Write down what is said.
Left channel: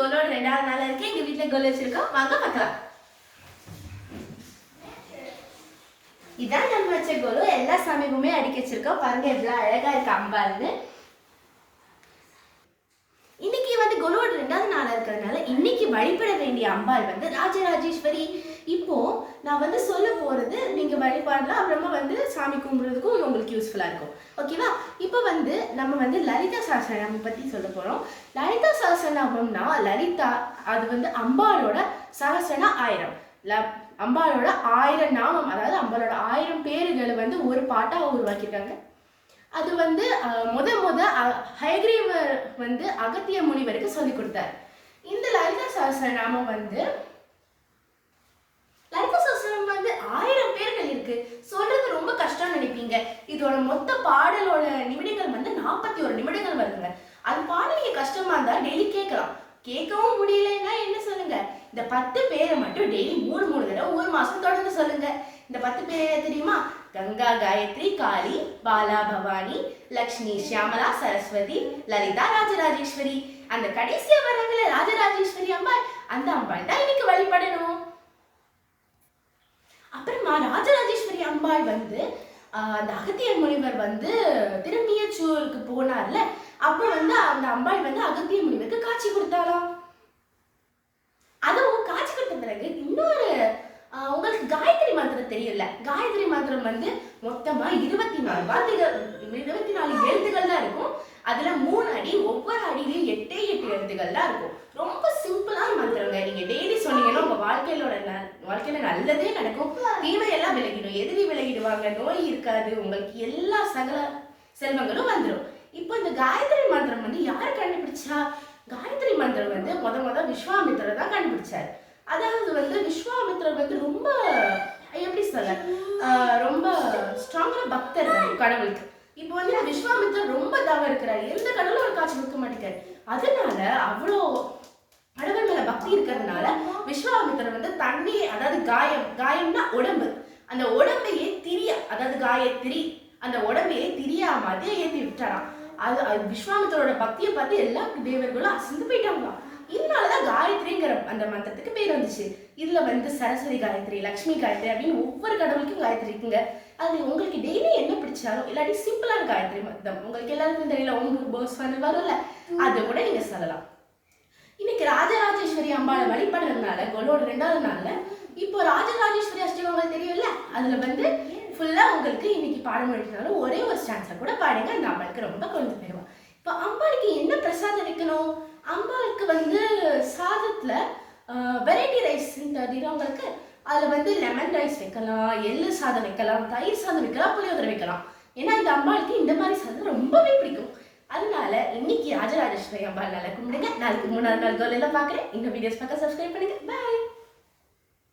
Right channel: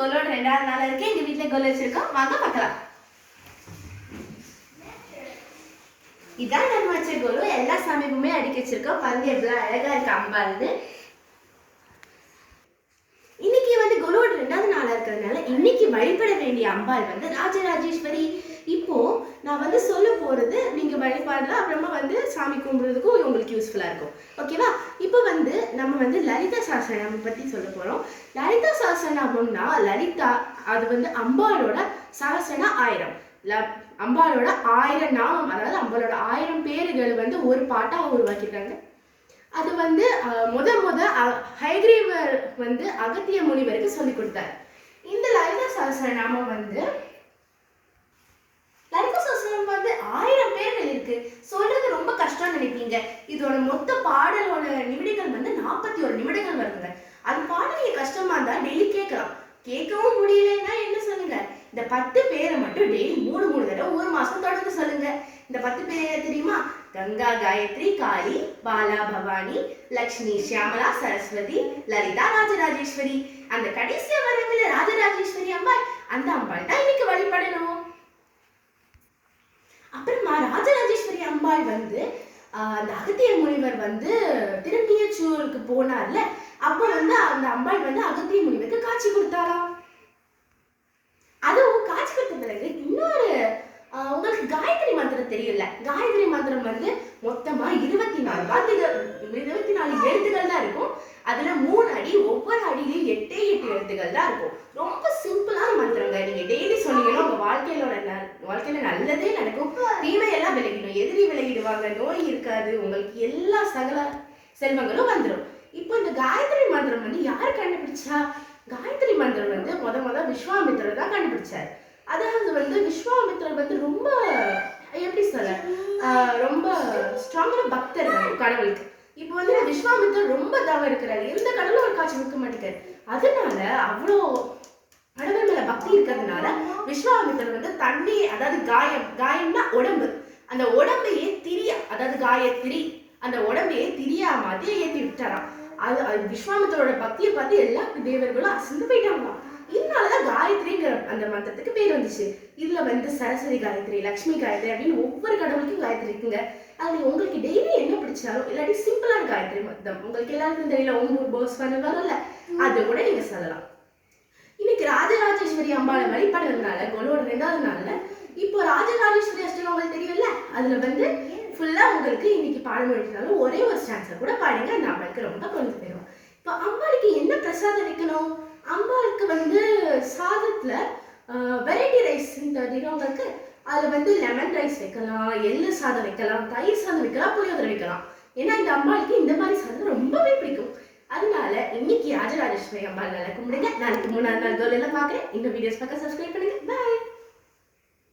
கோலோட ரெண்டாவது நாள் இருக்கு எங்க வீட்டுல கோல் வச்சிருக்கோம். வாங்க பார்க்கலாம். இதான் நம்ம வச்ச கோலு. எல்லா சாமிக்குமே அடிக்க வச்சிருக்கோம். பந்து எவ்வளவு அழகா இருக்கு அம்பாந்து இன்னைக்கு வந்து கோலோட ரெண்டாவது நாளா இருக்கிறதுனால இன்னைக்கு வழிபட வேண்டிய அம்பாள் வந்து ராஜராஜேஸ்வரி. இப்போ நான் வந்து சொல்ல போறது நீங்க வழிபாடலாம் அப்புறமா வந்து சாமி கும்பிடுறதுக்கும் உங்களுக்கு யூஸ்ஃபுல்லா இருக்கும். ஓகேவா இப்போ வந்து நம்ம வந்து லலிதா சாஸ்திரநாமம் பத்தி சொல்ல போறோம். லலிதா சாஸ்திரநாமம்னா லலிதா அது வந்து அம்பாளோட சரசனா ஆயிரம். ல அம்பாளோட ஆயிரம் நாமம் அதாவது அம்பாளோட ஆயிரம் பேர்கள் வந்து ஒரு பாட்டாக உருவாக்கிட்டாங்க அது வந்து முத முத ஹைகிரீவர் வந்து அகத்திய முனிவருக்கு சொல்லி கொடுத்தார். இந்த லலித நாமம் வந்து லலித சஹஸ்ரநாமம் வந்து ஆயிரம் பேர்கள் இருக்கு சொல்றது ரொம்ப கஷ்டம் இதோட மொத்த பாடலோட நிமிடங்கள் வந்து நாற்பத்தி ஒரு நிமிடங்கள் வருதுங்க. அது பாட கஷ்டமா இருந்தா டெய்லி கேட்கலாம். கேட்கவும் முடியலன்னா என்ன சொல்லுங்க? இந்த பத்து பேரை மட்டும் டெய்லி மூணு மூணு தடவை ஒரு மாசம் தொடர்ந்து சொல்லுங்க. இந்த பத்து பேரை தெரியுமா? கங்கா காயத்ரி காளி பாலா பவானி லக்ஷ்மி ஷியாமலா சரஸ்வதி லலிதா ராஜராஜேஸ்வரி. அந்த கடைசியா வரங்கள ராஜராஜேஸ்வரி அம்பாள். அந்த அம்பாள் தான் இன்னைக்கு வழிபடணும். அப்புறமா ராஜராஜேஸ்வரி அம்பாள் வந்து அந்த அகத்திய முனிவர் வந்து திரும்பியச்சூருக்கு போனார்ல அப்போ வந்து அந்த அம்பாள் வந்து அகத்திய முனிவருக்கு காட்சி கொடுத்தாராம் அதுவும் காட்சி கொடுத்த பிறகு இன்னொரு உங்களுக்கு காயத்ரி மந்திரம் தெரியல. காயத்ரி மந்திரம் வந்து மொத்தமா இருபத்தி நாலு வார்த்தைகள் இருபத்தி நாலு எழுத்துக்கள் தான் இருக்கும். அதுல மூணு அடி ஒவ்வொரு அடியிலையும் எட்டே எட்டு எழுத்துக்கள் தான் இருக்கும். ரொம்ப சிம்பிளான நீங்க டெய்லி சொன்னீங்கன்னா உங்க வாழ்க்கையில வாழ்க்கையில நல்லதே நடக்கும். தீமையெல்லாம் விலகிடும் எதிரி விலகிடுவாங்க நோய் இருக்காது. உங்களுக்கு எல்லா சகல செல்வங்களும் வந்துடும் இப்போ இந்த காயத்ரி மந்திரம் வந்து யார் கண்டுபிடிச்சா? காயத்ரி மந்திரம் வந்து முத முத விஸ்வாமித்திரர் தான் கண்டுபிடிச்சார். அதாவது வந்து விஸ்வாமித்திரர் வந்து ரொம்ப எப்படி சொல்ல ரொம்ப ஸ்ட்ராங்கான பக்தர் கடவுளுக்கு. இப்போ வந்து விஸ்வாமித்திரர் ரொம்ப தவம் இருக்கிறாரு. எந்த கடவுளும் ஒரு காட்சி கொடுக்க மாட்டேங்கிறார். அதனால அவ்வளோ கடவுள் மேல பக்தி இருக்கிறதுனால விஸ்வாமித்தர் வந்து தண்ணியை அதாவது காயம் காயம்னா உடம்பு. அந்த உடம்பையே திரியா அதாவது காயத்திரி அந்த உடம்பையே திரியா மாதிரி ஏத்தி விட்டாராம். அது அது விஸ்வாமித்தரோட பக்தியை பார்த்து எல்லா தேவர்களும் அசந்து போயிட்டாங்களாம். இதனாலதான் காயத்ரிங்கிற அந்த மந்திரத்துக்கு பேர் வந்துச்சு. இதுல வந்து சரஸ்வதி காயத்ரி லக்ஷ்மி காயத்ரி அப்படின்னு ஒவ்வொரு கடவுளுக்கும் காயத்ரி இருக்குங்க. அதுல உங்களுக்கு டெய்லி என்ன பிடிச்சாலும் இல்லாட்டி சிம்பிளான காயத்ரி மந்திரம் உங்களுக்கு எல்லாருக்கும் தெரியல ஒன்று போஸ் வரும்ல அதை கூட நீங்க சொல்லலாம். இன்னைக்கு ராஜராஜேஸ்வரி அம்பாவை வழிபடுறதுனால கொலோட ரெண்டாவது நாள்ல இப்போ ராஜராஜேஸ்வரி அஷ்டகம் உங்களுக்கு தெரியும்ல? அதுல வந்து ஃபுல்லா உங்களுக்கு இன்னைக்கு பாடம் எடுத்தாலும் ஒரே ஒரு ஸ்டான்ஸை கூட பாடுங்க. அந்த அம்பாளுக்கு ரொம்ப குழந்தை போயிடுவோம் இப்போ அம்பாளுக்கு என்ன பிரசாதம் வைக்கணும்? அம்பாளுக்கு வந்து சாதத்துல வெரைட்டி ரைஸ் தெரியுறவங்களுக்கு அதில் வந்து லெமன் ரைஸ் வைக்கலாம் எள்ளு சாதம் வைக்கலாம் தயிர் சாதம் வைக்கலாம் புளியோதரை வைக்கலாம். ஏன்னா இந்த அம்பாளுக்கு இந்த மாதிரி சாதம் ரொம்பவே பிடிக்கும். அதனால இன்னைக்கு ராஜராஜேஸ்வரி அம்பாள் நல்லா கும்பிடுங்க நாளைக்கு மூணாவது நாள் கோல் எல்லாம் பார்க்குறேன். இந்த வீடியோஸ் பார்க்க சப்ஸ்கிரைப் பண்ணுங்க. பாய்